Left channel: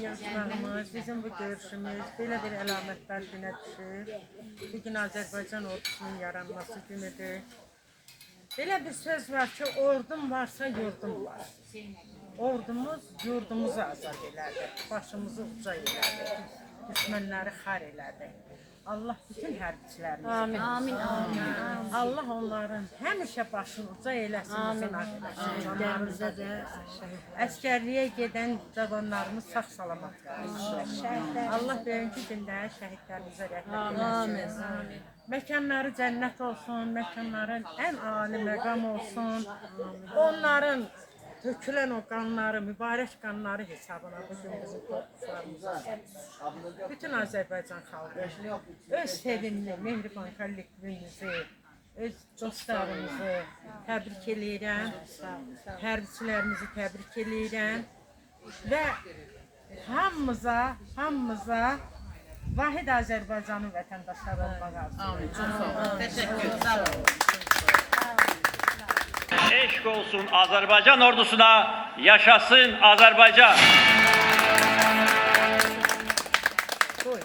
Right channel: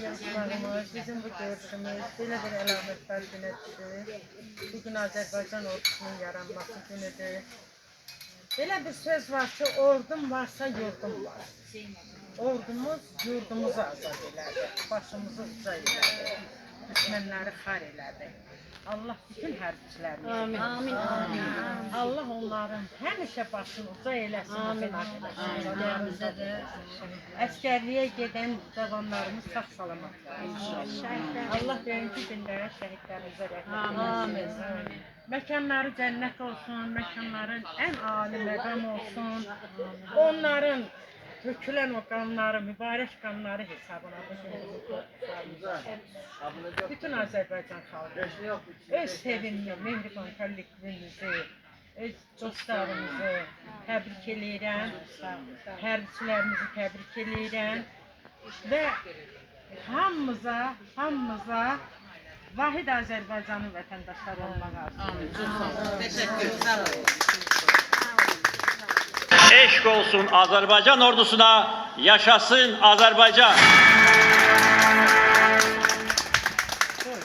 Yarışmağımız, bizim bu görüşümüz belə bir əlamətlər günə düşür. Bugün Azərbaycan ordusunun yaranması günüdür. Belə bir söz var ki, ordum varsa yurdum var. Ordumuz yurdumuzu azad elədi, başımızı uca elədi, düşmənləri xar elədi. Allah bütün hərbiçilərimizi Amin. Allah onların həmişə başını uca eləsin, eləsin. Əskərliyə gedən cavanlarımız sağ salamat qalsın. Allah böyünkü gündən şəhidlərimizə rəhmət eləsin. Məkanları cənnət olsun, məkanların ən ali məqam olsun. Onların dökülən o qanları, mübarək qanları hesabına bizim torpaqlarımıza, bütün Azərbaycan xalqı öz sevimli Mehriban kollektivimizi, öz dostlarımızı təbrik edirəm, hərbiçilərimizi təbrik edirəm və hamımıza vahid Azərbaycanın vətəndaşları olmağa arzu. Eşq olsun Azərbaycan ordusuna, yaşasın Azərbaycan. Koy.